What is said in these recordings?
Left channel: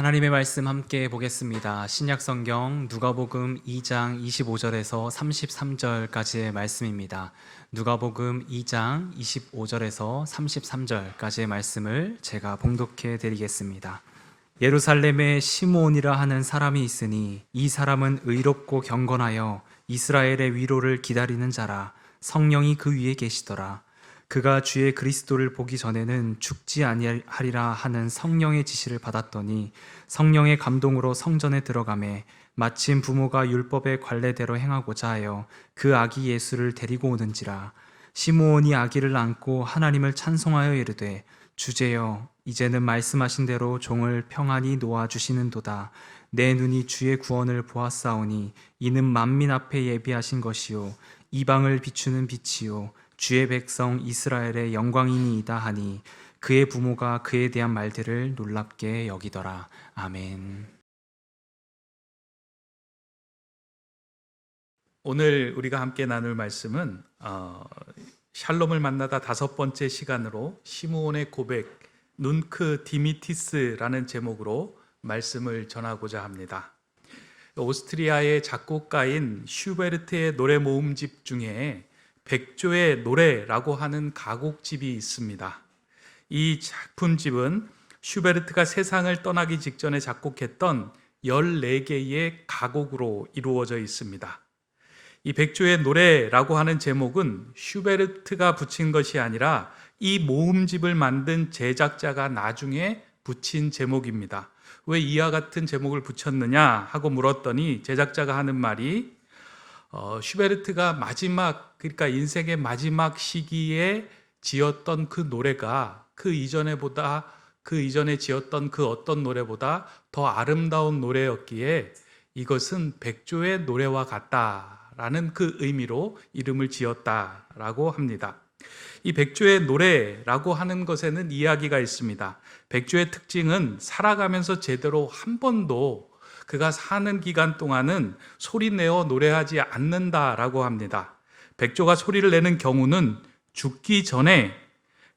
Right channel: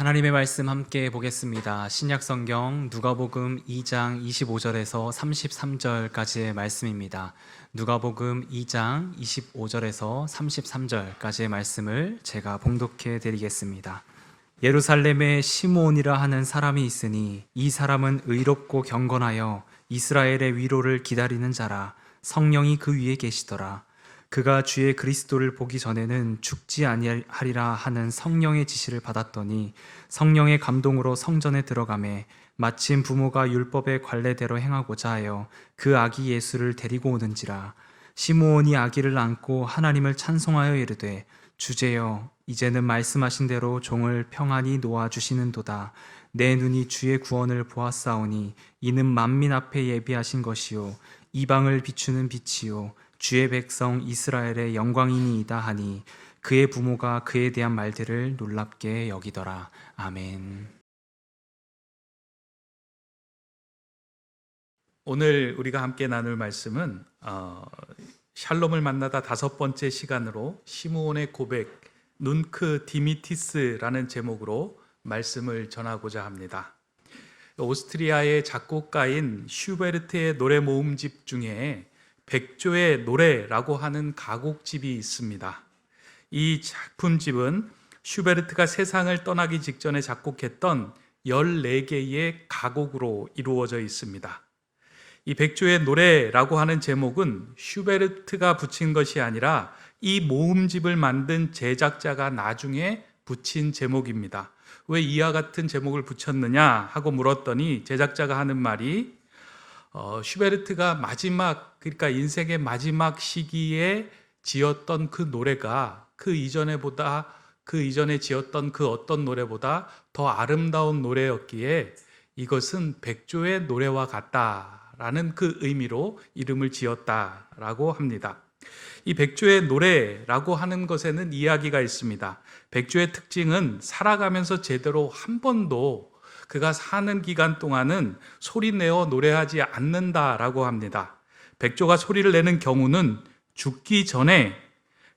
하나님의 말씀 함께 보겠습니다. 신약성경 누가복음 2장 25절에서 33절까지의 말씀입니다. 누가복음 2장 25절에서 33절까지의 말씀을 제가 봉독해 드리겠습니다. 예루살렘에 시므온이라 하는 사람이 있으니 이 사람은 의롭고 경건하여 이스라엘의 위로를 기다리는 자라. 성령이 그 위에 계시더라. 그가 주의 그리스도를 보기 전에는 죽지 아니하리라 하는 성령의 지시를 받았더니 성령의 감동으로 성전에 들어가매 마침 부모가 율법의 관례대로 행하고자 하여 그 아기 예수를 데리고 오는지라. 시므온이 아기를 안고 하나님을 찬송하여 이르되 주제여 이제는 말씀하신 대로 종을 평안히 놓아주시는도다. 내 눈이 주의 구원을 보았사오니 이는 만민 앞에 예비하신 것이요 이방을 비추는 빛이요 주의 백성 이스라엘의 영광이니이다 하니 그의 부모가 그에 대한 말들을 놀랍게 여기더라. 아멘. 오늘 우리가 함께 나눌 말씀은 샬롬을 만나다 5번째 시간으로 시므온의 고백, 눈크 디미티스라는 제목으로 말씀을 전하고자 합니다. 오스트리아의 작곡가인 슈베르트의 노래 모음집 중에 백조의 노래라고 하는 가곡집이 있습니다. 이 작품집은 슈베르트가 세상을 떠나기 직전에 작곡했던 14개의 가곡으로 이루어져 있습니다. 이 백조의 노래라고 하는 제목은 슈베르트가 붙인 것이 아니라 이 모음집을 만든 제작자가 나중에 붙인 제목입니다. 왜 이와 같은 제목을 붙였느냐 하고 물었더니 제작자가 하는 말이 슈베르트가 그러니까 인생의 마지막 시기에 지었던 그 노래가 그 이전에 지었던 그 어떤 노래보다 더 아름다운 노래였기에 이것은 백조의 노래와 같다라는 그 의미로 이름을 지었다라고 합니다. 이 백조의 노래라고 하는 것에는 이야기가 있습니다. 백조의 특징은 살아가면서 제대로 한 번도 그가 사는 기간 동안은 소리내어 노래하지 않는다라고 합니다. 백조가 소리를 내는 경우는 죽기 전에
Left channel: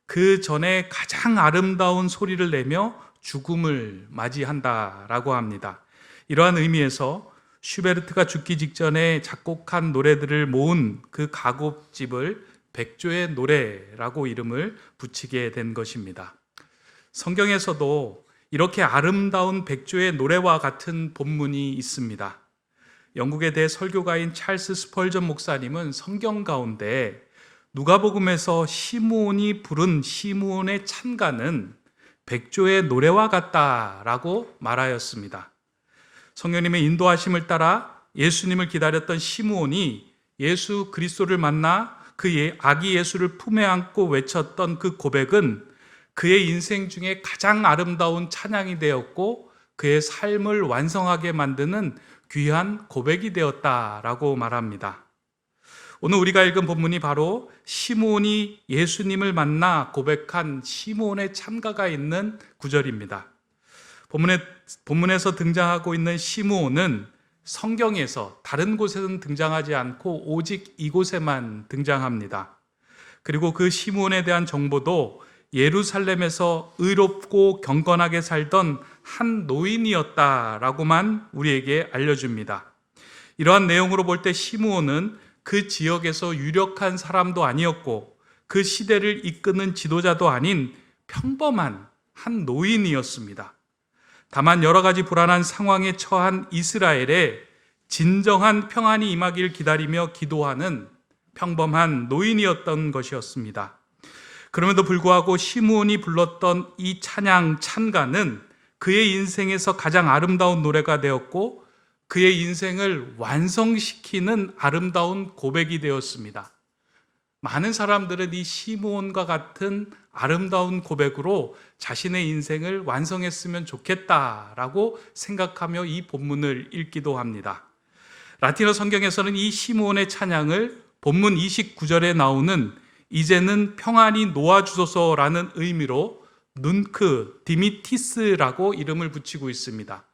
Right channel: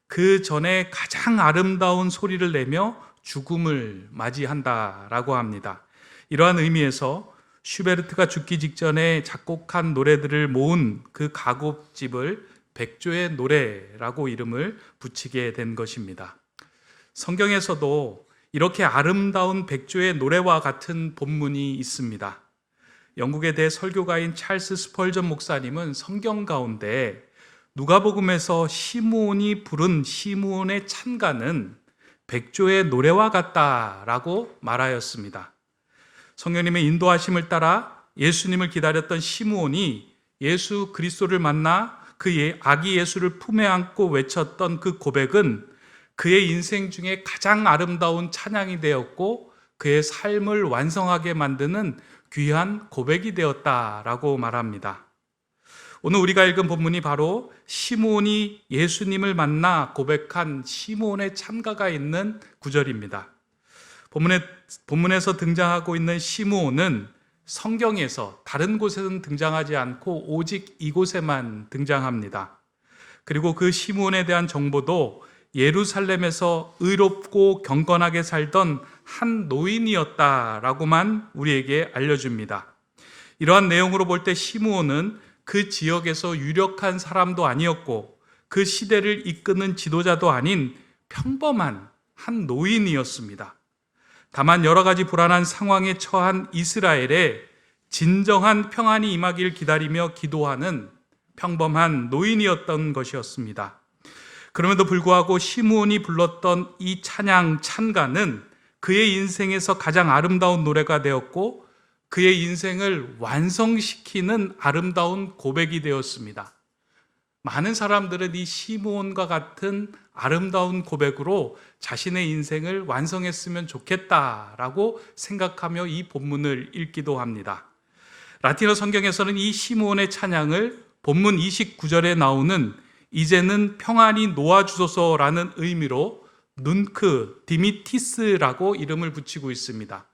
그 전에 가장 아름다운 소리를 내며 죽음을 맞이한다라고 합니다. 이러한 의미에서 슈베르트가 죽기 직전에 작곡한 노래들을 모은 그 가곡집을 백조의 노래라고 이름을 붙이게 된 것입니다. 성경에서도 이렇게 아름다운 백조의 노래와 같은 본문이 있습니다. 영국의 대설교가인 찰스 스펄전 목사님은 성경 가운데 누가복음에서 시므온이 부른 시므온의 찬가는 백조의 노래와 같다라고 말하였습니다. 성령님의 인도하심을 따라 예수님을 기다렸던 시므온이 예수 그리스도를 만나 그 아기 예수를 품에 안고 외쳤던 그 고백은 그의 인생 중에 가장 아름다운 찬양이 되었고 그의 삶을 완성하게 만드는 귀한 고백이 되었다라고 말합니다. 오늘 우리가 읽은 본문이 바로 시므온이 예수님을 만나 고백한 시므온의 찬가가 있는 구절입니다. 본문에서 등장하고 있는 시므온은 성경에서 다른 곳에는 등장하지 않고 오직 이곳에만 등장합니다. 그리고 그 시므온에 대한 정보도 예루살렘에서 의롭고 경건하게 살던 한 노인이었다라고만 우리에게 알려줍니다. 이러한 내용으로 볼 때 시므온은 그 지역에서 유력한 사람도 아니었고 그 시대를 이끄는 지도자도 아닌 평범한 한 노인이었습니다. 다만 여러 가지 불안한 상황에 처한 이스라엘에 진정한 평안이 임하길 기다리며 기도하는 평범한 노인이었던 것이었습니다. 그럼에도 불구하고 시므온이 불렀던 이 찬가는 그의 인생에서 가장 아름다운 노래가 되었고 그의 인생을 완성시키는 아름다운 고백이 되었습니다. 많은 사람들은 이 시므온과 같은 아름다운 고백으로 자신의 인생을 완성했으면 좋겠다라고 생각하며 이 본문을 읽기도 합니다. 라틴어 성경에서는 이 시므온의 찬양을 본문 29절에 나오는 이제는 평안히 놓아주소서라는 의미로 눈크 디미티스라고 이름을 붙이고 있습니다.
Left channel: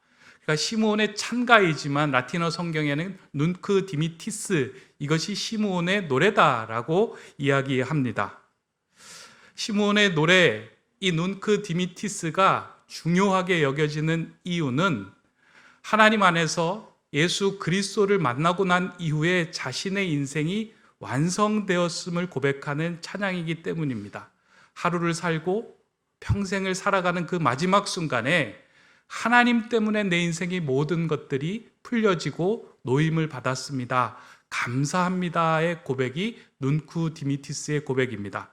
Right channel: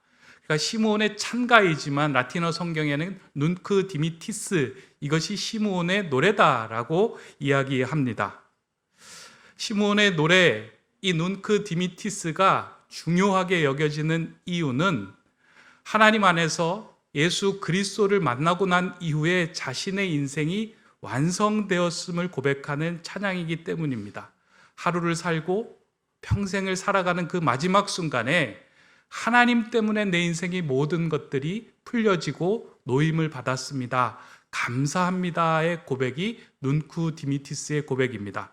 그러니까 시므온의 찬가이지만 라틴어 성경에는 눈크 디미티스, 이것이 시므온의 노래다라고 이야기합니다. 시므온의 노래, 이 눈크 디미티스가 중요하게 여겨지는 이유는 하나님 안에서 예수 그리스도를 만나고 난 이후에 자신의 인생이 완성되었음을 고백하는 찬양이기 때문입니다. 하루를 살고 평생을 살아가는 그 마지막 순간에 하나님 때문에 내 인생의 모든 것들이 풀려지고 노임을 받았습니다. 감사합니다의 고백이 눈쿠 디미티스의 고백입니다.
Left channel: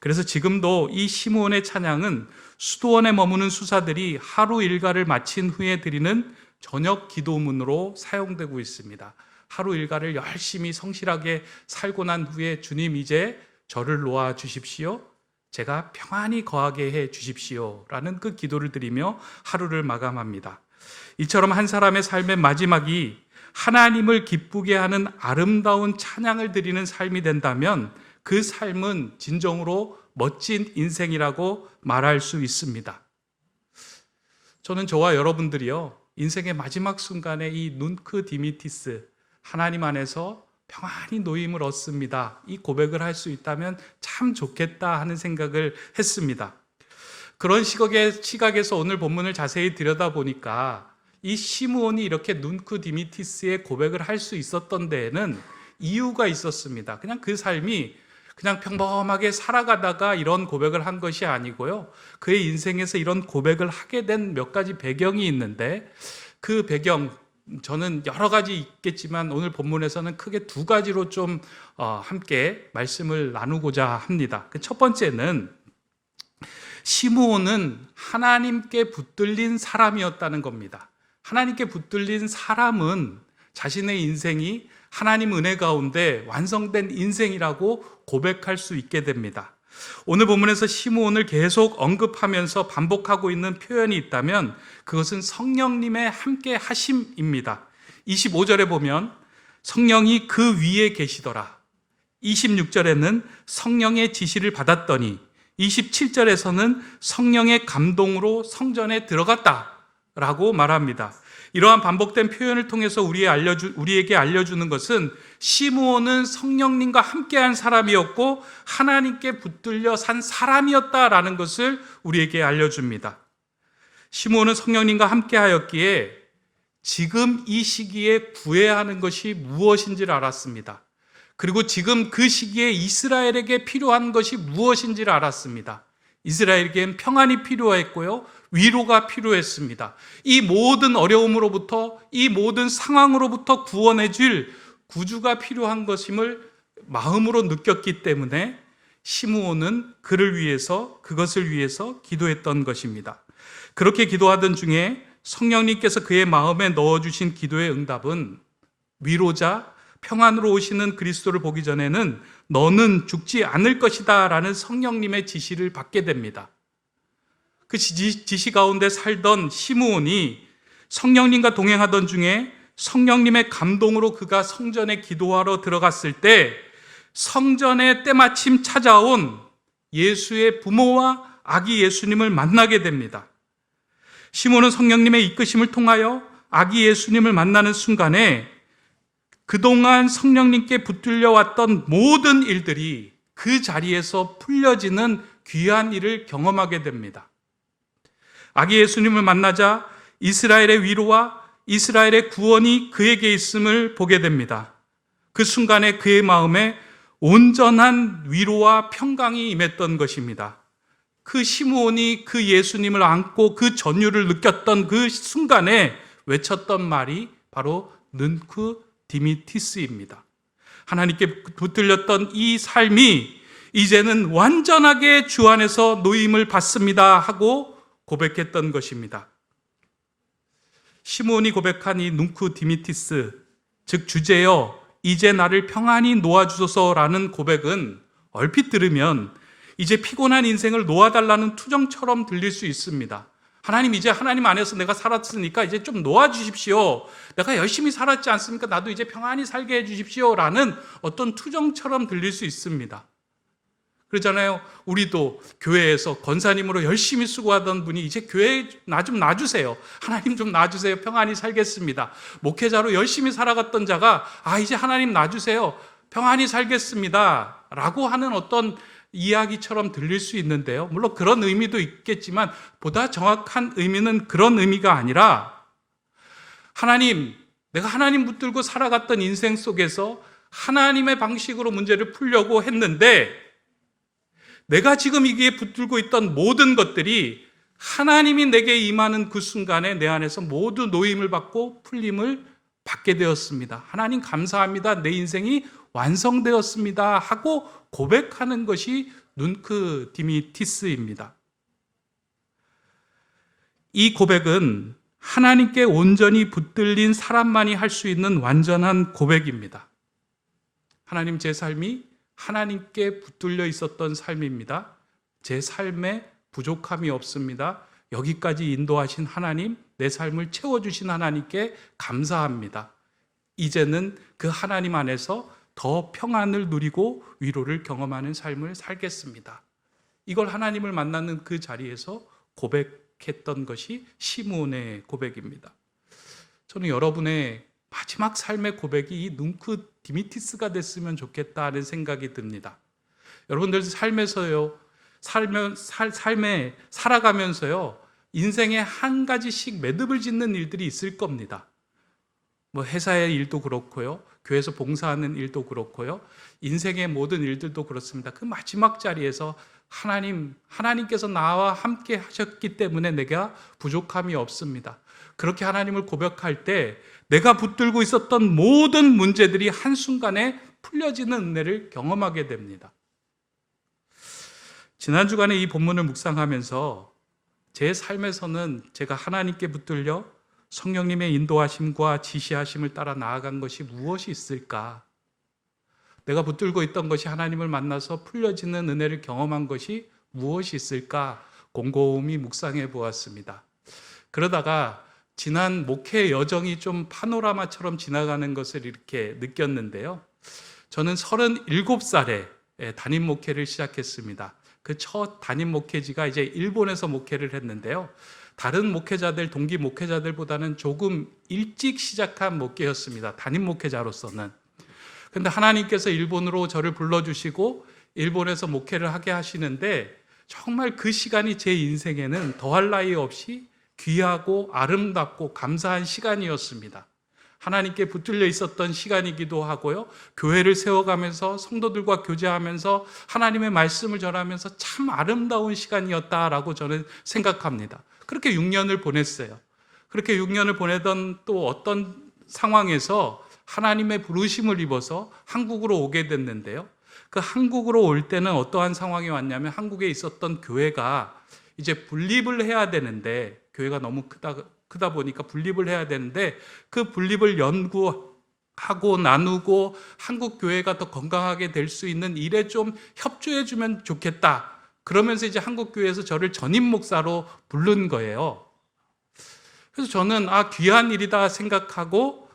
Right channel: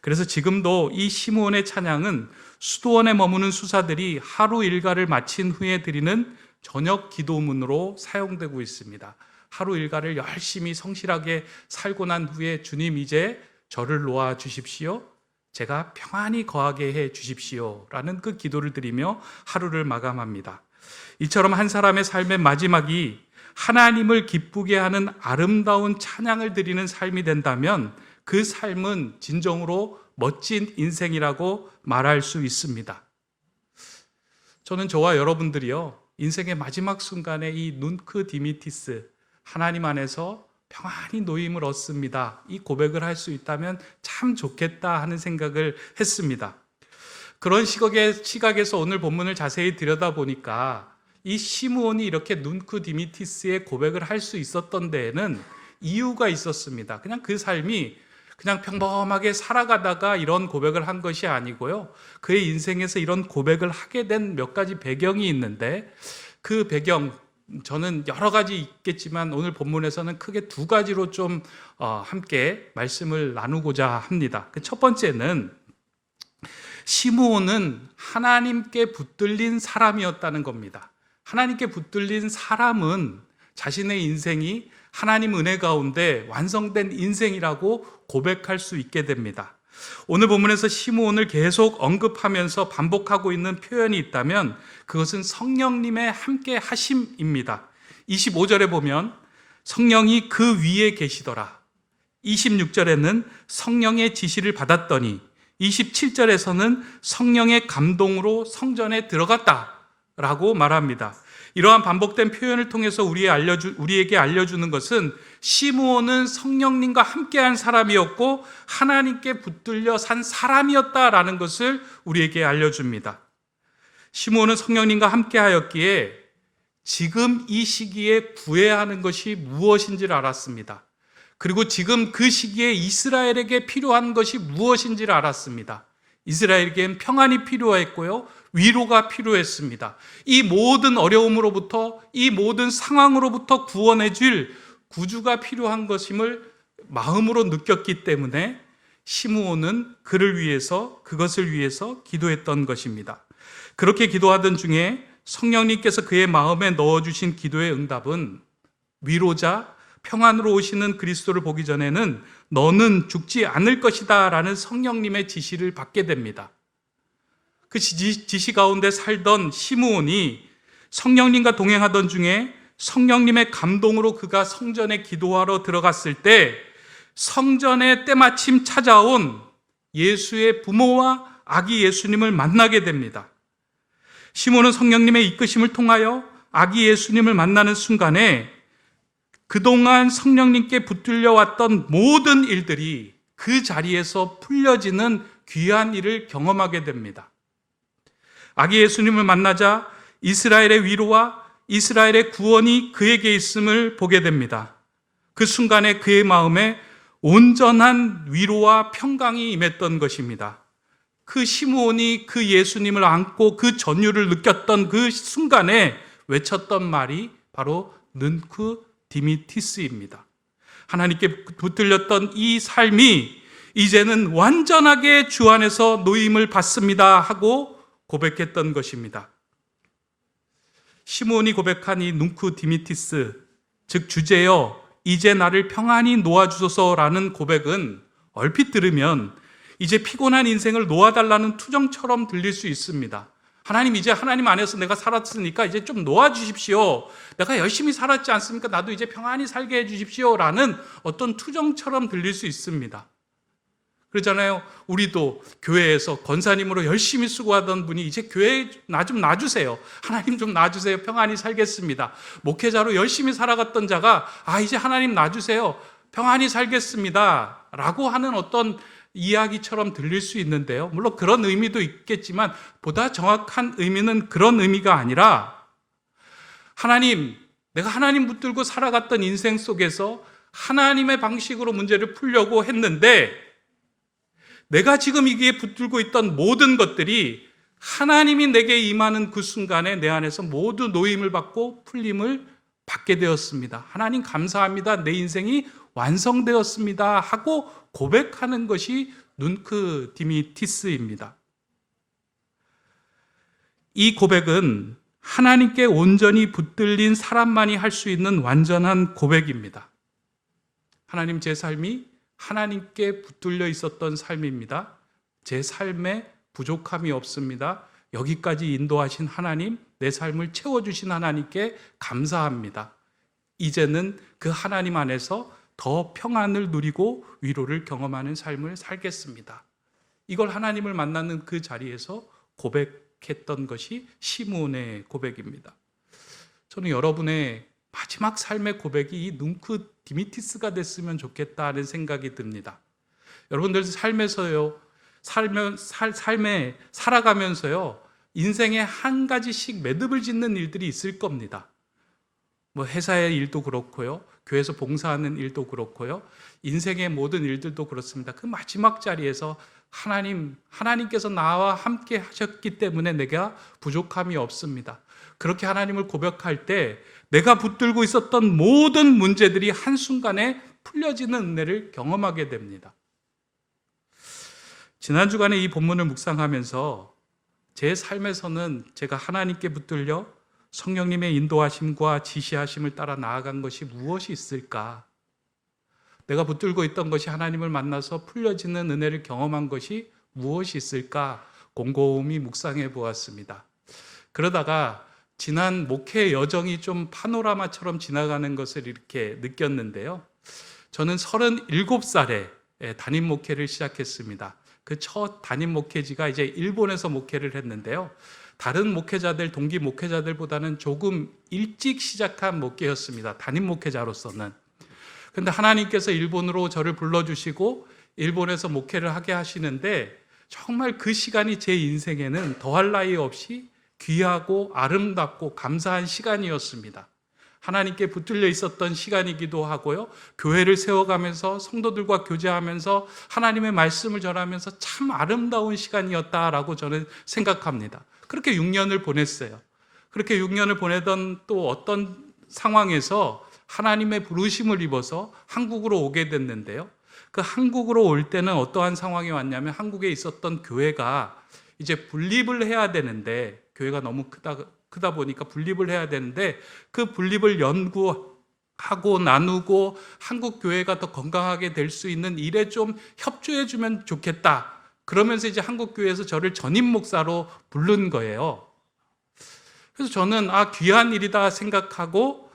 그래서 지금도 이 시므온의 찬양은 수도원에 머무는 수사들이 하루 일과를 마친 후에 드리는 저녁 기도문으로 사용되고 있습니다. 하루 일과를 열심히 성실하게 살고 난 후에 주님 이제 저를 놓아 주십시오. 제가 평안히 거하게 해 주십시오. 라는 그 기도를 드리며 하루를 마감합니다. 이처럼 한 사람의 삶의 마지막이 하나님을 기쁘게 하는 아름다운 찬양을 드리는 삶이 된다면 그 삶은 진정으로 멋진 인생이라고 말할 수 있습니다. 저는 저와 여러분들이요, 인생의 마지막 순간에 이 눈크 디미티스, 하나님 안에서 평안히 노임을 얻습니다, 이 고백을 할 수 있다면 참 좋겠다 하는 생각을 했습니다. 그런 시각에서 오늘 본문을 자세히 들여다보니까 이 시므온이 이렇게 눈크 디미티스의 고백을 할 수 있었던 데에는 이유가 있었습니다. 그냥 그 삶이 그냥 평범하게 살아가다가 이런 고백을 한 것이 아니고요, 그의 인생에서 이런 고백을 하게 된 몇 가지 배경이 있는데, 그 배경, 저는 여러 가지 있겠지만 오늘 본문에서는 크게 두 가지로 좀 함께 말씀을 나누고자 합니다. 그 첫 번째는 시므온은 하나님께 붙들린 사람이었다는 겁니다. 하나님께 붙들린 사람은 자신의 인생이 하나님 은혜 가운데 완성된 인생이라고 고백할 수 있게 됩니다. 오늘 본문에서 시므온을 계속 언급하면서 반복하고 있는 표현이 있다면 그것은 성령님의 함께 하심입니다. 25절에 보면 성령이 그 위에 계시더라. 26절에는 성령의 지시를 받았더니, 27절에서는 성령의 감동으로 성전에 들어갔다라고 말합니다. 이러한 반복된 표현을 통해서 우리에게 알려주는 것은 시므온은 성령님과 함께한 사람이었고 하나님께 붙들려 산 사람이었다라는 것을 우리에게 알려줍니다. 시므온은 성령님과 함께하였기에 지금 이 시기에 구해야 하는 것이 무엇인지를 알았습니다. 그리고 지금 그 시기에 이스라엘에게 필요한 것이 무엇인지를 알았습니다. 이스라엘에겐 평안이 필요했고요, 위로가 필요했습니다. 이 모든 어려움으로부터, 이 모든 상황으로부터 구원해 줄 구주가 필요한 것임을 마음으로 느꼈기 때문에 시므온은 그것을 위해서 기도했던 것입니다. 그렇게 기도하던 중에 성령님께서 그의 마음에 넣어주신 기도의 응답은 위로자, 평안으로 오시는 그리스도를 보기 전에는 너는 죽지 않을 것이다 라는 성령님의 지시를 받게 됩니다. 그 지시 가운데 살던 시므온이 성령님과 동행하던 중에 성령님의 감동으로 그가 성전에 기도하러 들어갔을 때 성전에 때마침 찾아온 예수의 부모와 아기 예수님을 만나게 됩니다. 시므온은 성령님의 이끄심을 통하여 아기 예수님을 만나는 순간에 그동안 성령님께 붙들려 왔던 모든 일들이 그 자리에서 풀려지는 귀한 일을 경험하게 됩니다. 아기 예수님을 만나자 이스라엘의 위로와 이스라엘의 구원이 그에게 있음을 보게 됩니다. 그 순간에 그의 마음에 온전한 위로와 평강이 임했던 것입니다. 그 시므온이 그 예수님을 안고 그 전율을 느꼈던 그 순간에 외쳤던 말이 바로 눈쿠 디미티스입니다. 하나님께 붙들렸던 이 삶이 이제는 완전하게 주 안에서 노임을 받습니다 하고 고백했던 것입니다. 시므온이 고백한 이 눈쿠 디미티스, 즉 주제여 이제 나를 평안히 놓아주소서라는 고백은 얼핏 들으면 이제 피곤한 인생을 놓아달라는 투정처럼 들릴 수 있습니다. 하나님, 이제 하나님 안에서 내가 살았으니까 이제 좀 놓아주십시오. 내가 열심히 살았지 않습니까? 나도 이제 평안히 살게 해주십시오 라는 어떤 투정처럼 들릴 수 있습니다. 그러잖아요. 우리도 교회에서 권사님으로 열심히 수고하던 분이 이제 교회에 나 좀 놔주세요. 하나님 좀 놔주세요. 평안히 살겠습니다. 목회자로 열심히 살아갔던 자가 이제 하나님 놔주세요. 평안히 살겠습니다 라고 하는 어떤 이야기처럼 들릴 수 있는데요. 물론 그런 의미도 있겠지만 보다 정확한 의미는 그런 의미가 아니라 하나님, 내가 하나님 붙들고 살아갔던 인생 속에서 하나님의 방식으로 문제를 풀려고 했는데 내가 지금 이게 붙들고 있던 모든 것들이 하나님이 내게 임하는 그 순간에 내 안에서 모두 노임을 받고 풀림을 받게 되었습니다. 하나님 감사합니다. 내 인생이 완성되었습니다. 하고 고백하는 것이 눈크 디미티스입니다. 이 고백은 하나님께 온전히 붙들린 사람만이 할 수 있는 완전한 고백입니다. 하나님, 제 삶이 하나님께 붙들려 있었던 삶입니다. 제 삶에 부족함이 없습니다. 여기까지 인도하신 하나님, 내 삶을 채워주신 하나님께 감사합니다. 이제는 그 하나님 안에서 더 평안을 누리고 위로를 경험하는 삶을 살겠습니다. 이걸 하나님을 만나는 그 자리에서 고백했던 것이 시므온의 고백입니다. 저는 여러분의 마지막 삶의 고백이 이 눈크 디미티스가 됐으면 좋겠다 하는 생각이 듭니다. 여러분들 삶에서요, 삶에 살아가면서요, 인생에 한 가지씩 매듭을 짓는 일들이 있을 겁니다. 뭐 회사의 일도 그렇고요, 교회에서 봉사하는 일도 그렇고요, 인생의 모든 일들도 그렇습니다. 그 마지막 자리에서 하나님께서 나와 함께 하셨기 때문에 내가 부족함이 없습니다. 그렇게 하나님을 고백할 때 내가 붙들고 있었던 모든 문제들이 한순간에 풀려지는 은혜를 경험하게 됩니다. 지난 주간에 이 본문을 묵상하면서 제 삶에서는 제가 하나님께 붙들려 성령님의 인도하심과 지시하심을 따라 나아간 것이 무엇이 있을까? 내가 붙들고 있던 것이 하나님을 만나서 풀려지는 은혜를 경험한 것이 무엇이 있을까? 곰곰이 묵상해 보았습니다. 그러다가 지난 목회 여정이 좀 파노라마처럼 지나가는 것을 이렇게 느꼈는데요. 저는 37살에 담임 목회를 시작했습니다. 그 첫 담임 목회지가 이제 일본에서 목회를 했는데요. 다른 목회자들, 동기 목회자들보다는 조금 일찍 시작한 목회였습니다. 담임 목회자로서는. 그런데 하나님께서 일본으로 저를 불러주시고 일본에서 목회를 하게 하시는데 정말 그 시간이 제 인생에는 더할 나위 없이 귀하고 아름답고 감사한 시간이었습니다. 하나님께 붙들려 있었던 시간이기도 하고요. 교회를 세워가면서 성도들과 교제하면서 하나님의 말씀을 전하면서 참 아름다운 시간이었다라고 저는 생각합니다. 그렇게 6년을 보냈어요. 그렇게 6년을 보내던 또 어떤 상황에서 하나님의 부르심을 입어서 한국으로 오게 됐는데요. 그 한국으로 올 때는 어떠한 상황이 왔냐면 한국에 있었던 교회가 이제 분립을 해야 되는데 교회가 너무 크다 보니까 분립을 해야 되는데 그 분립을 연구하고 나누고 한국 교회가 더 건강하게 될 수 있는 일에 좀 협조해 주면 좋겠다. 그러면서 이제 한국 교회에서 저를 전임 목사로 부른 거예요. 그래서 저는 귀한 일이다 생각하고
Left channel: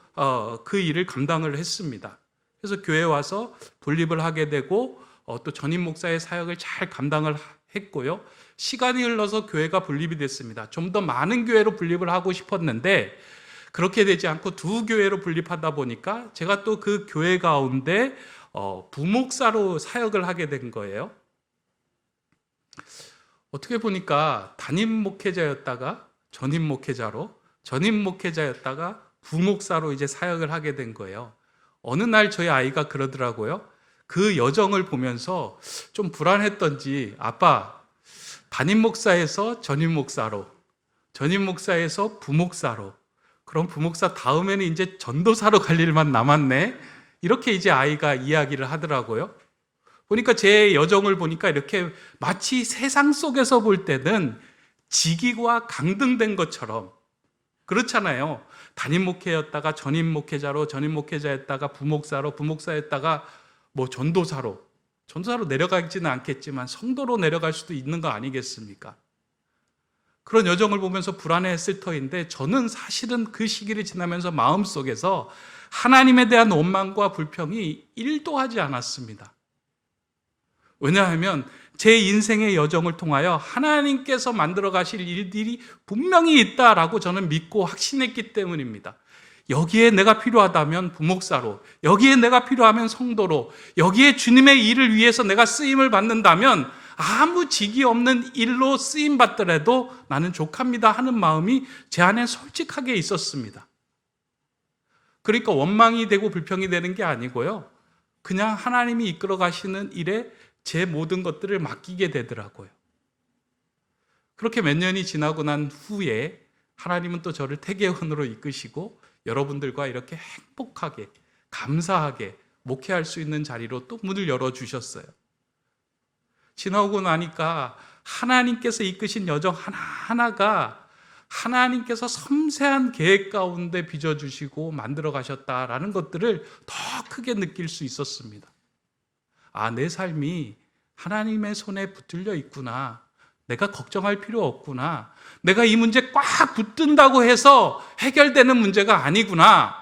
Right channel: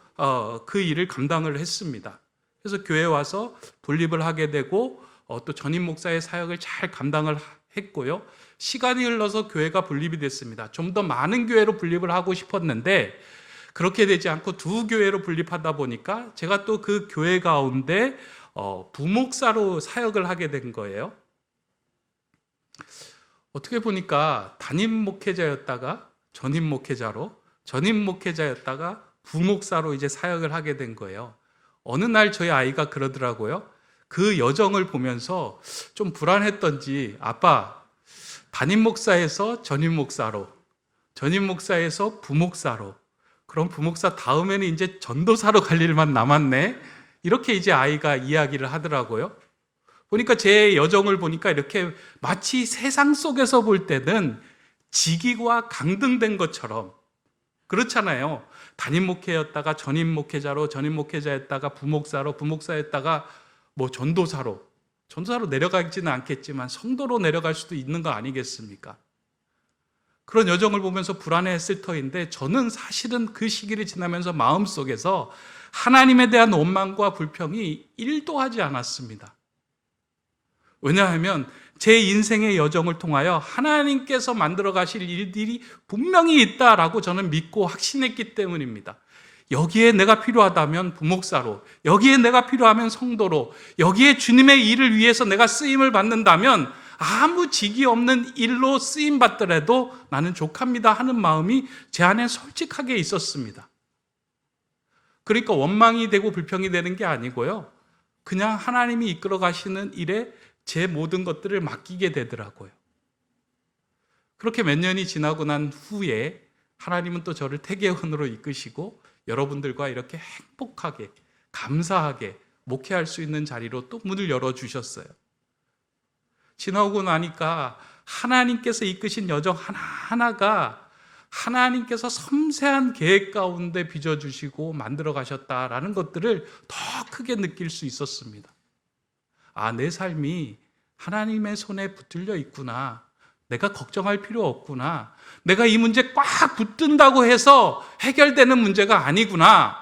그 일을 감당을 했습니다. 그래서 교회에 와서 분립을 하게 되고 또 전임 목사의 사역을 잘 감당을 했고요. 시간이 흘러서 교회가 분립이 됐습니다. 좀 더 많은 교회로 분립을 하고 싶었는데 그렇게 되지 않고 두 교회로 분립하다 보니까 제가 또 그 교회 가운데 부목사로 사역을 하게 된 거예요. 어떻게 보니까 담임 목회자였다가 전임 목회자로, 전임 목회자였다가 부목사로 이제 사역을 하게 된 거예요. 어느 날 저희 아이가 그러더라고요. 그 여정을 보면서 좀 불안했던지 아빠, 담임 목사에서 전임 목사로, 전임 목사에서 부목사로, 그럼 부목사 다음에는 이제 전도사로 갈 일만 남았네. 이렇게 이제 아이가 이야기를 하더라고요. 보니까 제 여정을 보니까 이렇게 마치 세상 속에서 볼 때는 직위와 강등된 것처럼 그렇잖아요. 담임 목회였다가 전임 목회자로, 전임 목회자였다가 부목사로, 부목사였다가 뭐 전도사로 내려가지는 않겠지만 성도로 내려갈 수도 있는 거 아니겠습니까? 그런 여정을 보면서 불안해했을 터인데 저는 사실은 그 시기를 지나면서 마음속에서 하나님에 대한 원망과 불평이 1도 하지 않았습니다. 왜냐하면 제 인생의 여정을 통하여 하나님께서 만들어 가실 일들이 분명히 있다라고 저는 믿고 확신했기 때문입니다. 여기에 내가 필요하다면 부목사로, 여기에 내가 필요하면 성도로, 여기에 주님의 일을 위해서 내가 쓰임을 받는다면 아무 직이 없는 일로 쓰임 받더라도 나는 족합니다 하는 마음이 제 안에 솔직하게 있었습니다. 그러니까 원망이 되고 불평이 되는 게 아니고요. 그냥 하나님이 이끌어 가시는 일에 제 모든 것들을 맡기게 되더라고요. 그렇게 몇 년이 지나고 난 후에 하나님은 또 저를 태계원으로 이끄시고 여러분들과 이렇게 행복하게, 감사하게 목회할 수 있는 자리로 또 문을 열어주셨어요. 지나오고 나니까 하나님께서 이끄신 여정 하나하나가 하나님께서 섬세한 계획 가운데 빚어주시고 만들어 가셨다라는 것들을 더 크게 느낄 수 있었습니다. 아, 내 삶이 하나님의 손에 붙들려 있구나. 내가 걱정할 필요 없구나. 내가 이 문제 꽉 붙든다고 해서 해결되는 문제가 아니구나.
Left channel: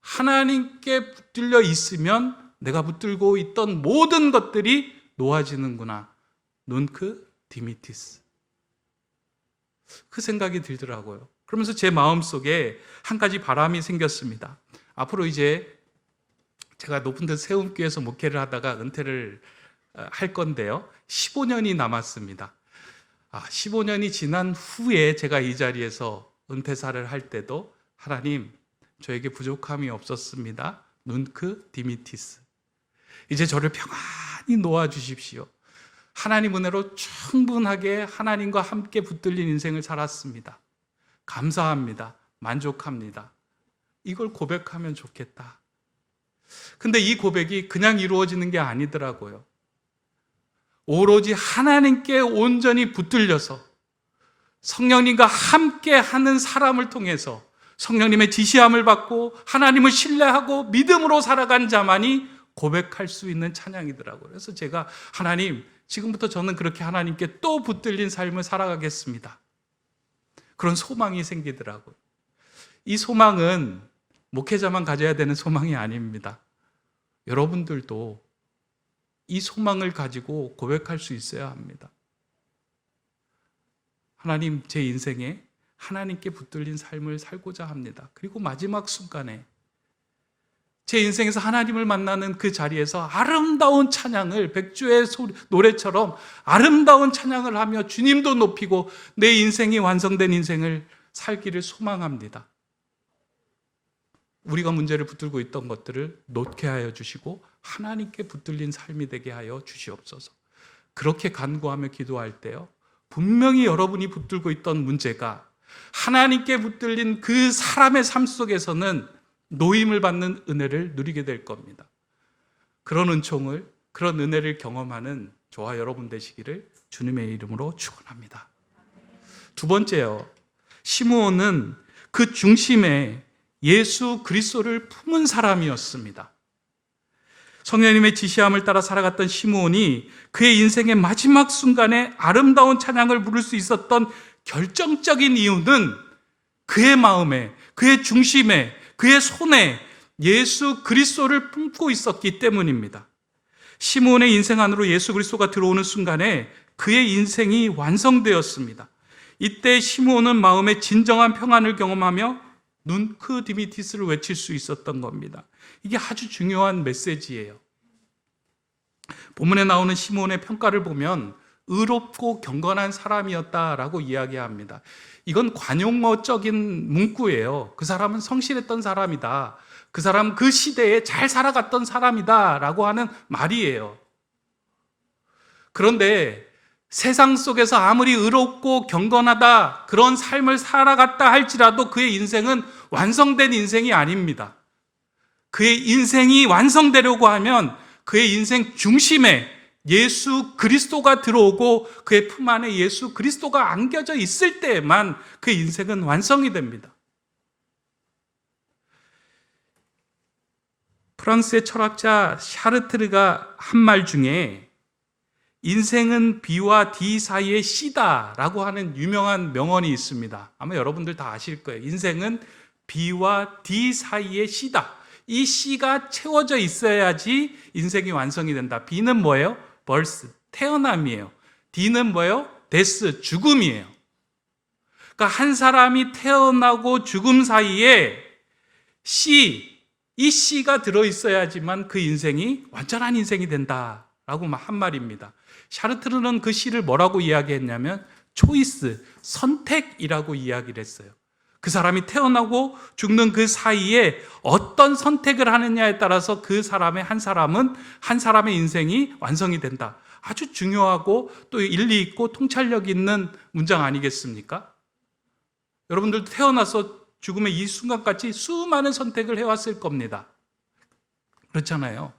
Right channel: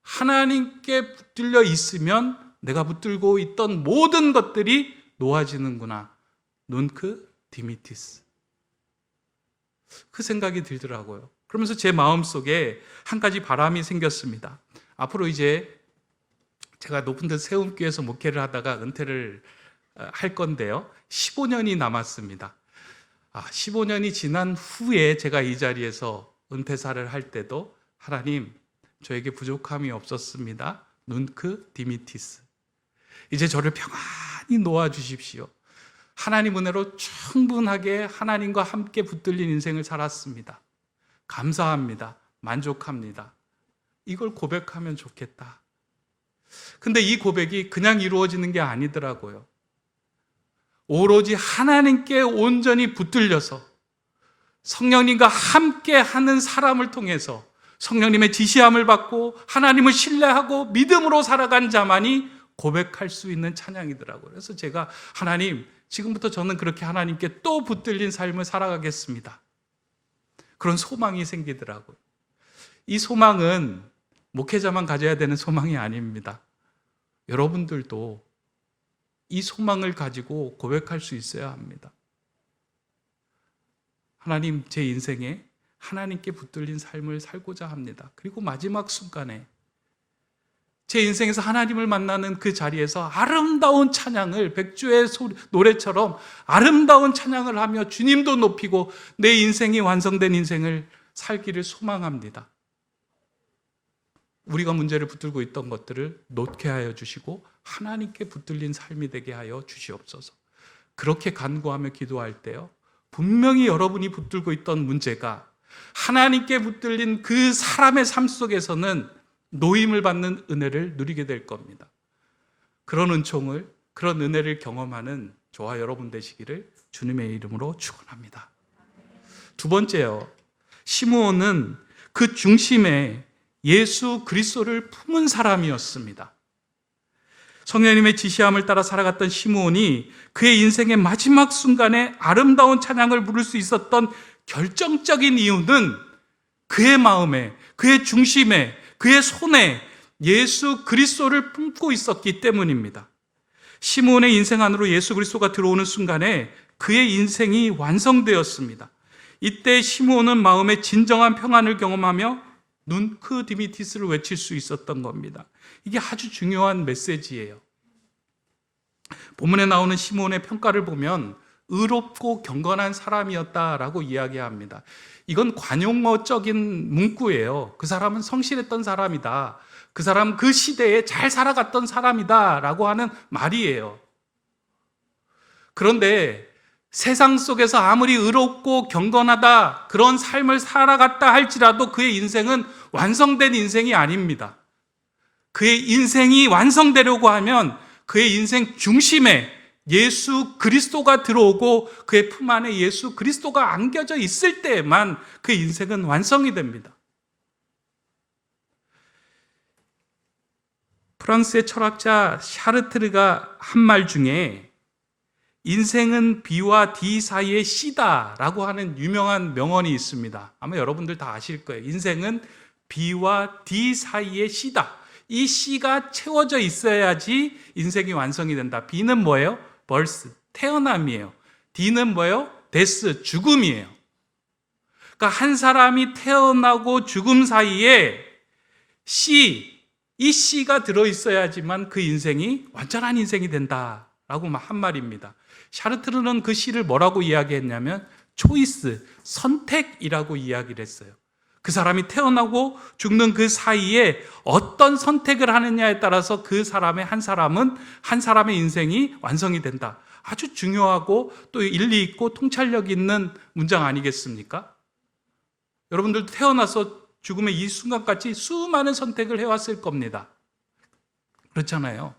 하나님께 붙들려 있으면 내가 붙들고 있던 모든 것들이 놓아지는구나. 눈크 디미티스. 그 생각이 들더라고요. 그러면서 제 마음속에 한 가지 바람이 생겼습니다. 앞으로 이제 제가 높은 데 세움교회에서 목회를 하다가 은퇴를 할 건데요. 15년이 남았습니다. 15년이 지난 후에 제가 이 자리에서 은퇴사를 할 때도 하나님, 저에게 부족함이 없었습니다. 눈크 디미티스. 이제 저를 평안히 놓아주십시오. 하나님 은혜로 충분하게 하나님과 함께 붙들린 인생을 살았습니다. 감사합니다. 만족합니다. 이걸 고백하면 좋겠다. 근데 이 고백이 그냥 이루어지는 게 아니더라고요. 오로지 하나님께 온전히 붙들려서 성령님과 함께 하는 사람을 통해서 성령님의 지시함을 받고 하나님을 신뢰하고 믿음으로 살아간 자만이 고백할 수 있는 찬양이더라고요. 그래서 제가 하나님, 지금부터 저는 그렇게 하나님께 또 붙들린 삶을 살아가겠습니다. 그런 소망이 생기더라고요. 이 소망은 목회자만 가져야 되는 소망이 아닙니다. 여러분들도 이 소망을 가지고 고백할 수 있어야 합니다. 하나님, 제 인생에 하나님께 붙들린 삶을 살고자 합니다. 그리고 마지막 순간에 제 인생에서 하나님을 만나는 그 자리에서 아름다운 찬양을 백주의 노래처럼 아름다운 찬양을 하며 주님도 높이고 내 인생이 완성된 인생을 살기를 소망합니다. 우리가 문제를 붙들고 있던 것들을 놓게 하여 주시고 하나님께 붙들린 삶이 되게 하여 주시옵소서. 그렇게 간구하며 기도할 때요, 분명히 여러분이 붙들고 있던 문제가 하나님께 붙들린 그 사람의 삶 속에서는 노임을 받는 은혜를 누리게 될 겁니다. 그런 은총을, 그런 은혜를 경험하는 저와 여러분 되시기를 주님의 이름으로 축원합니다. 두 번째요, 시므온은 그 중심에 예수 그리스도를 품은 사람이었습니다. 성령님의 지시함을 따라 살아갔던 시므온이 그의 인생의 마지막 순간에 아름다운 찬양을 부를 수 있었던 결정적인 이유는 그의 마음에, 그의 중심에, 그의 손에 예수 그리스도를 품고 있었기 때문입니다. 시므온의 인생 안으로 예수 그리스도가 들어오는 순간에 그의 인생이 완성되었습니다. 이때 시므온은 마음의 진정한 평안을 경험하며 눈크 디미티스를 외칠 수 있었던 겁니다. 이게 아주 중요한 메시지예요. 본문에 나오는 시므온의 평가를 보면 의롭고 경건한 사람이었다라고 이야기합니다. 이건 관용어적인 문구예요. 그 사람은 성실했던 사람이다. 그 사람 그 시대에 잘 살아갔던 사람이다라고 하는 말이에요. 그런데 세상 속에서 아무리 의롭고 경건하다, 그런 삶을 살아갔다 할지라도 그의 인생은 완성된 인생이 아닙니다. 그의 인생이 완성되려고 하면 그의 인생 중심에 예수 그리스도가 들어오고 그의 품 안에 예수 그리스도가 안겨져 있을 때에만 그의 인생은 완성이 됩니다. 프랑스의 철학자 샤르트르가 한 말 중에 인생은 B와 D 사이의 C다라고 하는 유명한 명언이 있습니다. 아마 여러분들 다 아실 거예요. 인생은 B와 D 사이의 C다. 이 C가 채워져 있어야지 인생이 완성이 된다. B는 뭐예요? birth, 태어남이에요. D는 뭐예요? death, 죽음이에요. 그러니까 한 사람이 태어나고 죽음 사이에 이 C가 들어있어야지만 그 인생이 완전한 인생이 된다라고 한 말입니다. 샤르트르는 그 C를 뭐라고 이야기했냐면 초이스, 선택이라고 이야기를 했어요. 그 사람이 태어나고 죽는 그 사이에 어떤 선택을 하느냐에 따라서 그 사람의 한 사람의 인생이 완성이 된다. 아주 중요하고 또 일리 있고 통찰력 있는 문장 아니겠습니까? 여러분들도 태어나서 죽음의 이 순간까지 수많은 선택을 해왔을 겁니다. 그렇잖아요.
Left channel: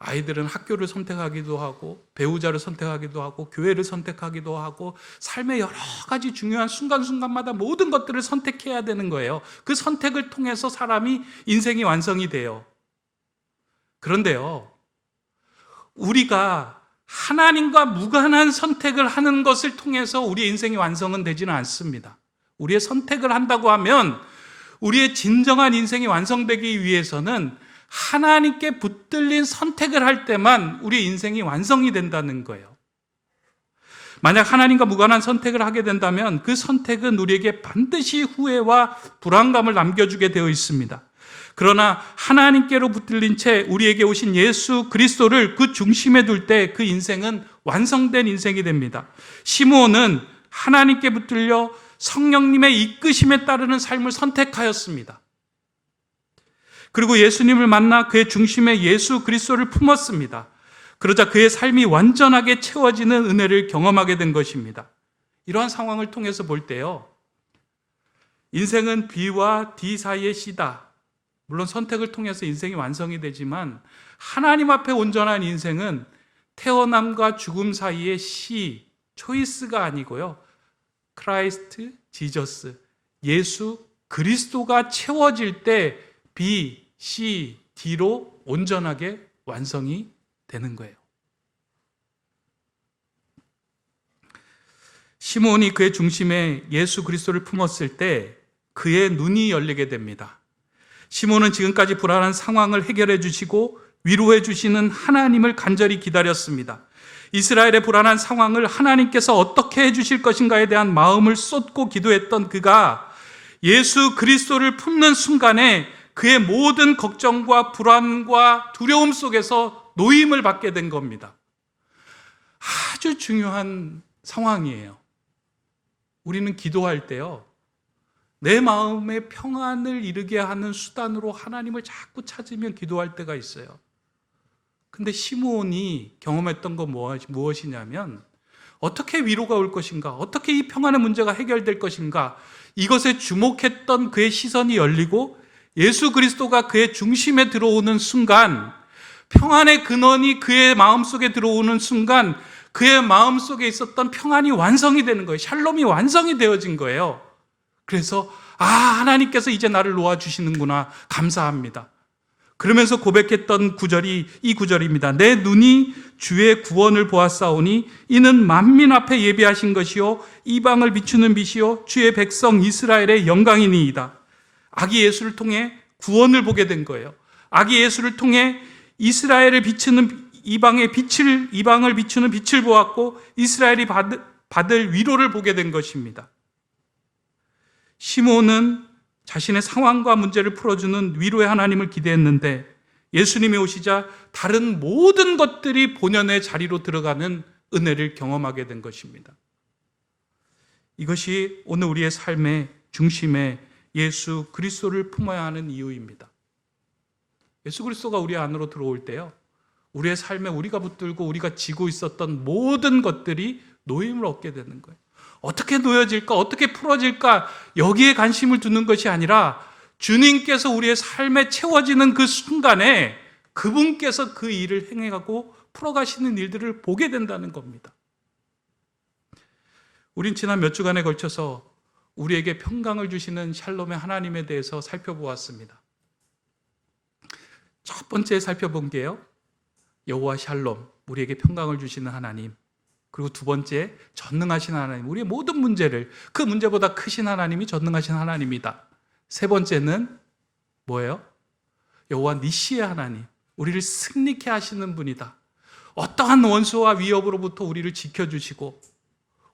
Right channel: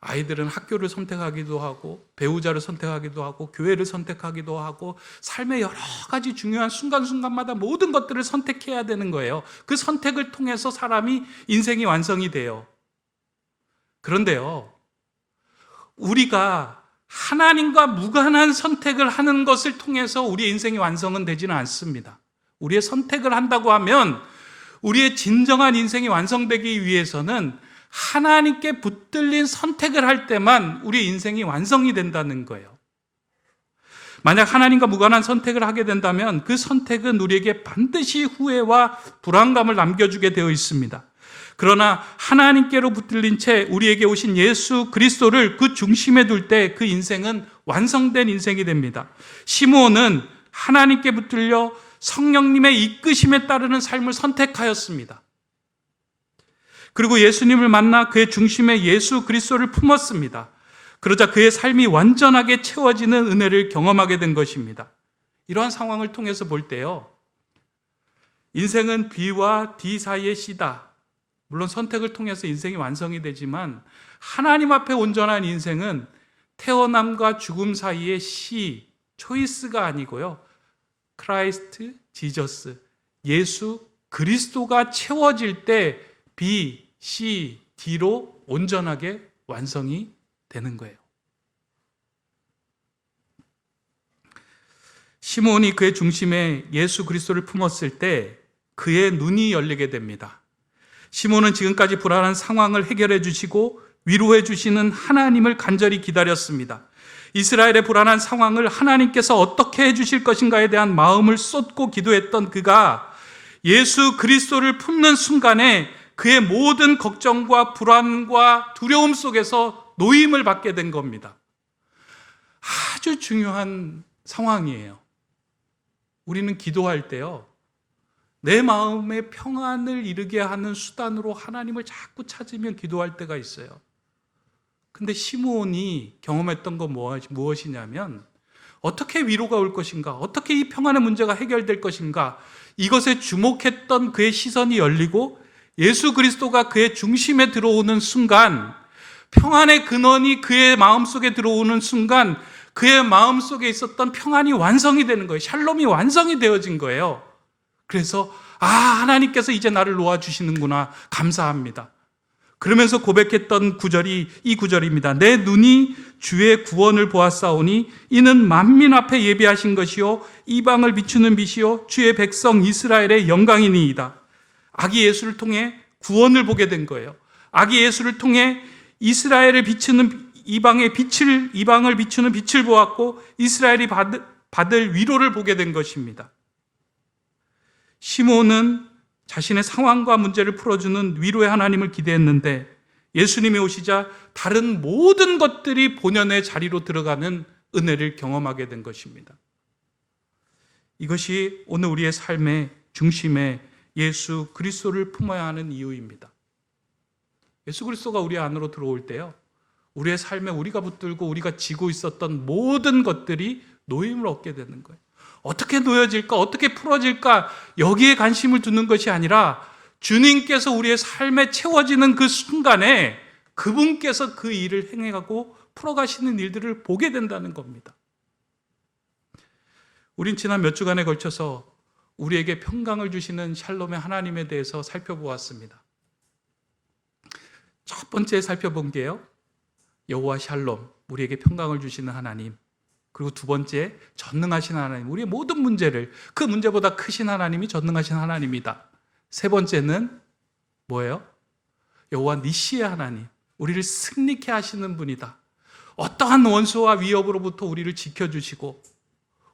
아이들은 학교를 선택하기도 하고 배우자를 선택하기도 하고 교회를 선택하기도 하고 삶의 여러 가지 중요한 순간순간마다 모든 것들을 선택해야 되는 거예요. 그 선택을 통해서 사람이 인생이 완성이 돼요. 그런데요, 우리가 하나님과 무관한 선택을 하는 것을 통해서 우리의 인생이 완성은 되지는 않습니다. 우리의 선택을 한다고 하면 우리의 진정한 인생이 완성되기 위해서는 하나님께 붙들린 선택을 할 때만 우리의 인생이 완성이 된다는 거예요. 만약 하나님과 무관한 선택을 하게 된다면 그 선택은 우리에게 반드시 후회와 불안감을 남겨주게 되어 있습니다. 그러나 하나님께로 붙들린 채 우리에게 오신 예수 그리스도를 그 중심에 둘 때 그 인생은 완성된 인생이 됩니다. 시므온은 하나님께 붙들려 성령님의 이끄심에 따르는 삶을 선택하였습니다. 그리고 예수님을 만나 그의 중심에 예수 그리스도를 품었습니다. 그러자 그의 삶이 완전하게 채워지는 은혜를 경험하게 된 것입니다. 이러한 상황을 통해서 볼 때요, 인생은 B와 D 사이의 C다. 물론 선택을 통해서 인생이 완성이 되지만 하나님 앞에 온전한 인생은 태어남과 죽음 사이의 C, 초이스가 아니고요, 크라이스트, 지저스, 예수 그리스도가 채워질 때 B, C, D로 온전하게 완성이 되는 거예요. 시몬이 그의 중심에 예수 그리스도를 품었을 때 그의 눈이 열리게 됩니다. 시몬은 지금까지 불안한 상황을 해결해 주시고 위로해 주시는 하나님을 간절히 기다렸습니다. 이스라엘의 불안한 상황을 하나님께서 어떻게 해주실 것인가에 대한 마음을 쏟고 기도했던 그가 예수 그리스도를 품는 순간에 그의 모든 걱정과 불안과 두려움 속에서 노임을 받게 된 겁니다. 아주 중요한 상황이에요. 우리는 기도할 때요, 내 마음의 평안을 이루게 하는 수단으로 하나님을 자꾸 찾으면 기도할 때가 있어요. 근데 시므온이 경험했던 건 무엇이냐면 어떻게 위로가 올 것인가, 어떻게 이 평안의 문제가 해결될 것인가, 이것에 주목했던 그의 시선이 열리고 예수 그리스도가 그의 중심에 들어오는 순간, 평안의 근원이 그의 마음속에 들어오는 순간 그의 마음속에 있었던 평안이 완성이 되는 거예요. 샬롬이 완성이 되어진 거예요. 그래서 하나님께서 이제 나를 놓아주시는구나, 감사합니다. 그러면서 고백했던 구절이 이 구절입니다. 내 눈이 주의 구원을 보았사오니 이는 만민 앞에 예비하신 것이요 이방을 비추는 빛이요 주의 백성 이스라엘의 영광이니이다. 아기 예수를 통해 구원을 보게 된 거예요. 아기 예수를 통해 이스라엘을 비추는 이방을 비추는 빛을 보았고 이스라엘이 받을 위로를 보게 된 것입니다. 시몬은 자신의 상황과 문제를 풀어주는 위로의 하나님을 기대했는데 예수님이 오시자 다른 모든 것들이 본연의 자리로 들어가는 은혜를 경험하게 된 것입니다. 이것이 오늘 우리의 삶의 중심에 예수 그리스도를 품어야 하는 이유입니다. 예수 그리스도가 우리 안으로 들어올 때요, 우리의 삶에 우리가 붙들고 우리가 지고 있었던 모든 것들이 노임을 얻게 되는 거예요. 어떻게 놓여질까, 어떻게 풀어질까, 여기에 관심을 두는 것이 아니라 주님께서 우리의 삶에 채워지는 그 순간에 그분께서 그 일을 행하고 풀어가시는 일들을 보게 된다는 겁니다. 우린 지난 몇 주간에 걸쳐서 우리에게 평강을 주시는 샬롬의 하나님에 대해서 살펴보았습니다. 첫 번째 살펴본 게요, 여호와 샬롬, 우리에게 평강을 주시는 하나님. 그리고 두 번째, 전능하신 하나님, 우리의 모든 문제를, 그 문제보다 크신 하나님이 전능하신 하나님이다. 세 번째는 뭐예요? 여호와 니시의 하나님, 우리를 승리케 하시는 분이다. 어떠한 원수와 위협으로부터 우리를 지켜주시고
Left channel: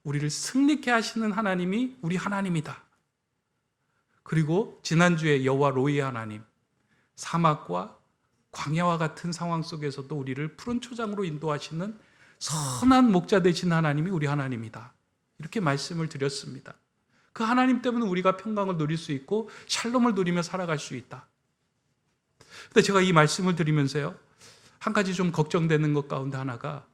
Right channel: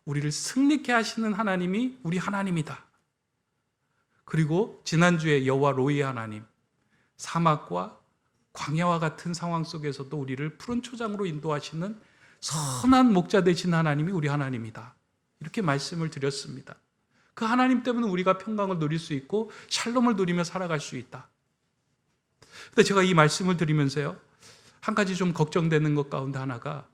우리를 승리케 하시는 하나님이 우리 하나님이다. 그리고 지난주에 여호와 로이 하나님, 사막과 광야와 같은 상황 속에서도 우리를 푸른 초장으로 인도하시는 선한 목자 되신 하나님이 우리 하나님이다. 이렇게 말씀을 드렸습니다. 그 하나님 때문에 우리가 평강을 누릴 수 있고 샬롬을 누리며 살아갈 수 있다. 근데 제가 이 말씀을 드리면서요, 한 가지 좀 걱정되는 것 가운데 하나가,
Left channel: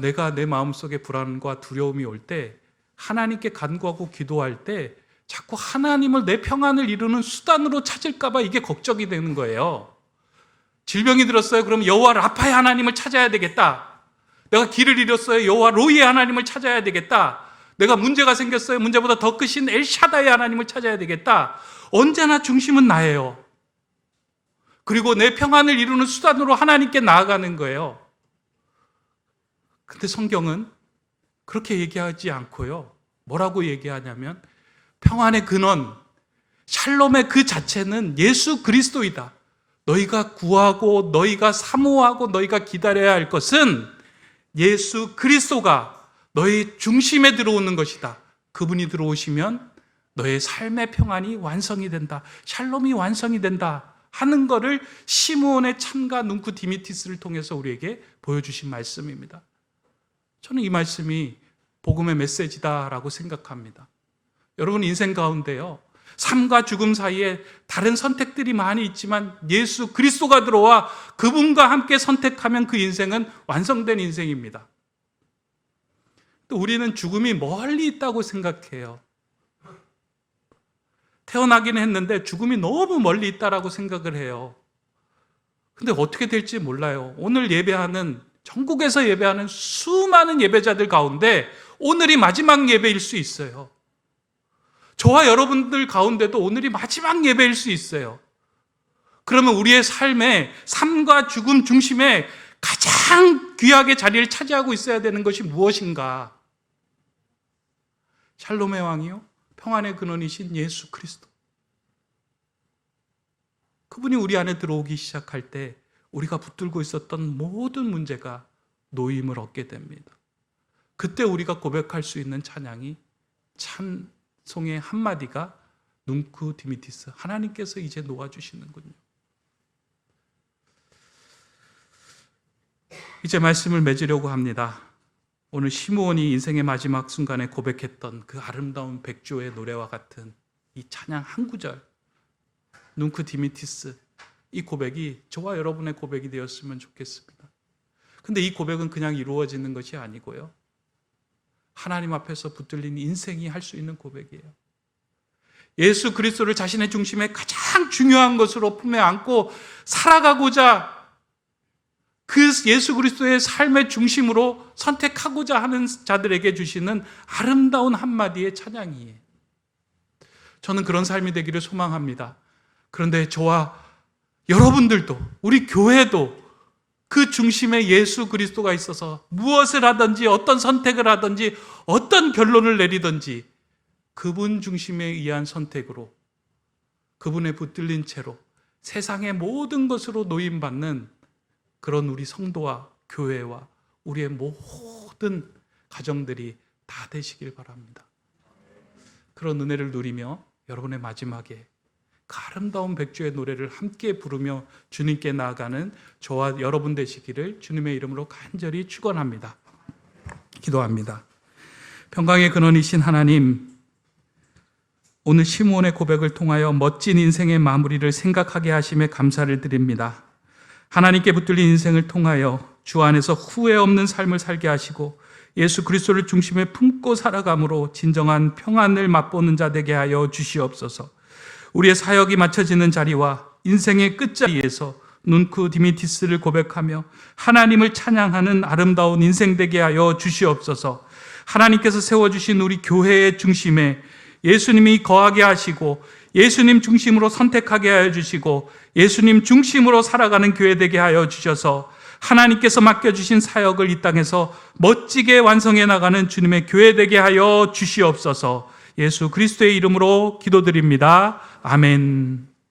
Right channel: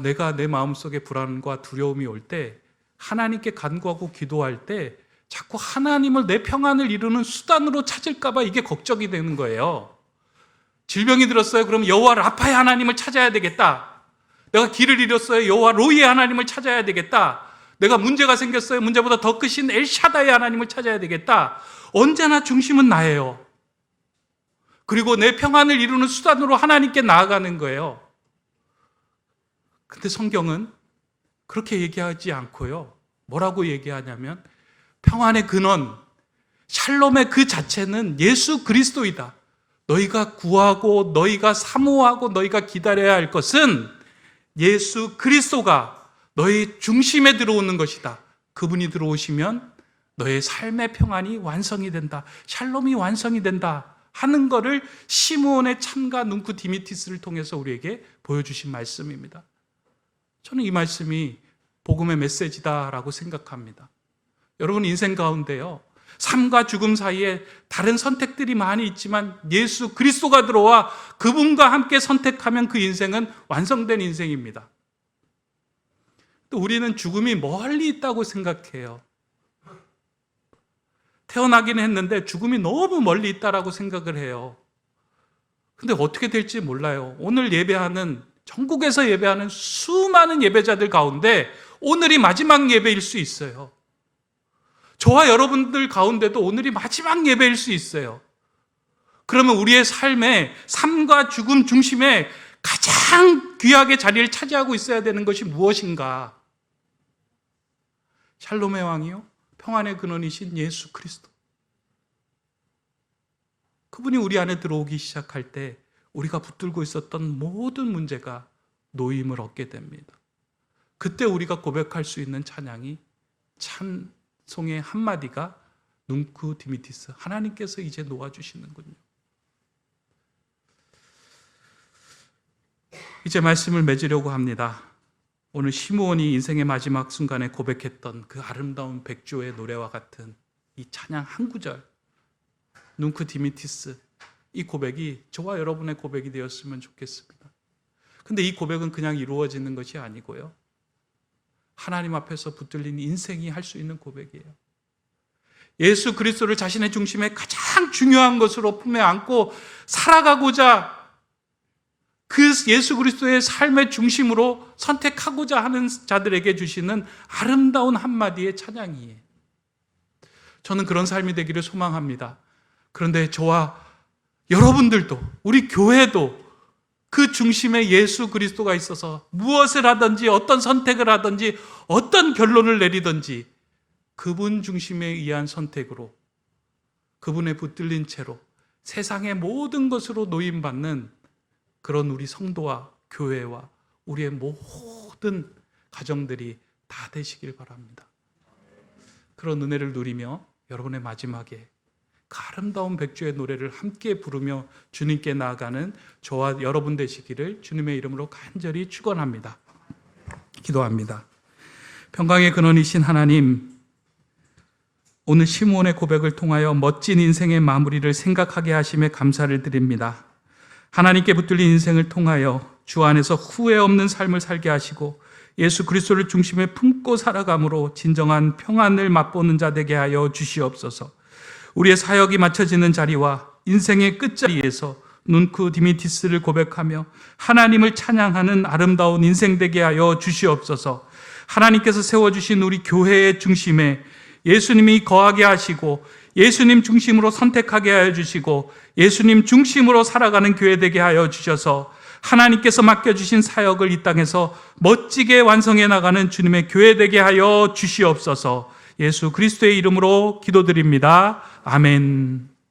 내가 내 마음속에 불안과 두려움이 올 때, 하나님께 간구하고 기도할 때 자꾸 하나님을, 내 평안을 이루는 수단으로 찾을까 봐 이게 걱정이 되는 거예요. 질병이 들었어요. 그럼 여호와 라파의 하나님을 찾아야 되겠다. 내가 길을 잃었어요. 여호와 로이의 하나님을 찾아야 되겠다. 내가 문제가 생겼어요. 문제보다 더 크신 엘샤다의 하나님을 찾아야 되겠다. 언제나 중심은 나예요. 그리고 내 평안을 이루는 수단으로 하나님께 나아가는 거예요. 근데 성경은 그렇게 얘기하지 않고요. 뭐라고 얘기하냐면, 평안의 근원, 샬롬의 그 자체는 예수 그리스도이다. 너희가 구하고 너희가 사모하고 너희가 기다려야 할 것은 예수 그리스도가 너희 중심에 들어오는 것이다. 그분이 들어오시면 너의 삶의 평안이 완성이 된다. 샬롬이 완성이 된다 하는 것을 시므온의 창가 눈크 디미티스를 통해서 우리에게 보여주신 말씀입니다. 저는 이 말씀이 복음의 메시지다라고 생각합니다. 여러분 인생 가운데요, 삶과 죽음 사이에 다른 선택들이 많이 있지만 예수 그리스도가 들어와 그분과 함께 선택하면 그 인생은 완성된 인생입니다. 또 우리는 죽음이 멀리 있다고 생각해요. 태어나기는 했는데 죽음이 너무 멀리 있다라고 생각을 해요. 근데 어떻게 될지 몰라요. 오늘 예배하는, 전국에서 예배하는 수많은 예배자들 가운데 오늘이 마지막 예배일 수 있어요. 저와 여러분들 가운데도 오늘이 마지막 예배일 수 있어요. 그러면 우리의 삶과 죽음 중심에 가장 귀하게 자리를 차지하고 있어야 되는 것이 무엇인가? 샬롬의 왕이요, 평안의 근원이신 예수 그리스도. 그분이 우리 안에 들어오기 시작할 때 우리가 붙들고 있었던 모든 문제가 놓임을 얻게 됩니다. 그때 우리가 고백할 수 있는 찬양이, 찬송의 한마디가 눈크 디미티스, 하나님께서 이제 놓아주시는군요. 이제 말씀을 맺으려고 합니다. 오늘 시므온이 인생의 마지막 순간에 고백했던 그 아름다운 백조의 노래와 같은 이 찬양 한 구절, 눈크 디미티스, 이 고백이 저와 여러분의 고백이 되었으면 좋겠습니다. 근데 이 고백은 그냥 이루어지는 것이 아니고요, 하나님 앞에서 붙들린 인생이 할 수 있는 고백이에요. 예수 그리스도를 자신의 중심에 가장 중요한 것으로 품에 안고 살아가고자, 그 예수 그리스도의 삶의 중심으로 선택하고자 하는 자들에게 주시는 아름다운 한마디의 찬양이에요. 저는 그런 삶이 되기를 소망합니다. 그런데 저와 여러분들도, 우리 교회도 그 중심에 예수 그리스도가 있어서 무엇을 하든지, 어떤 선택을 하든지, 어떤 결론을 내리든지 그분 중심에 의한 선택으로, 그분에 붙들린 채로 세상의 모든 것으로 노임받는 그런 우리 성도와 교회와 우리의 모든 가정들이 다 되시길 바랍니다. 그런 은혜를 누리며 여러분의 마지막에 그 아름다운 백주의 노래를 함께 부르며 주님께 나아가는 저와 여러분 되시기를 주님의 이름으로 간절히 축원합니다. 기도합니다. 평강의 근원이신 하나님, 오늘 시므온의 고백을 통하여 멋진 인생의 마무리를 생각하게 하심에 감사를 드립니다. 하나님께 붙들린 인생을 통하여 주 안에서 후회 없는 삶을 살게 하시고 예수 그리스도를 중심에 품고 살아감으로 진정한 평안을 맛보는 자 되게 하여 주시옵소서. 우리의 사역이 맞춰지는 자리와 인생의 끝자리에서 눈크 디미티스를 고백하며 하나님을 찬양하는 아름다운 인생 되게 하여 주시옵소서. 하나님께서 세워주신 우리 교회의 중심에 예수님이 거하게 하시고 예수님 중심으로 선택하게 하여 주시고 예수님 중심으로 살아가는 교회 되게 하여 주셔서 하나님께서 맡겨주신 사역을 이 땅에서 멋지게 완성해 나가는 주님의 교회 되게 하여 주시옵소서. 예수 그리스도의 이름으로 기도드립니다. 아멘.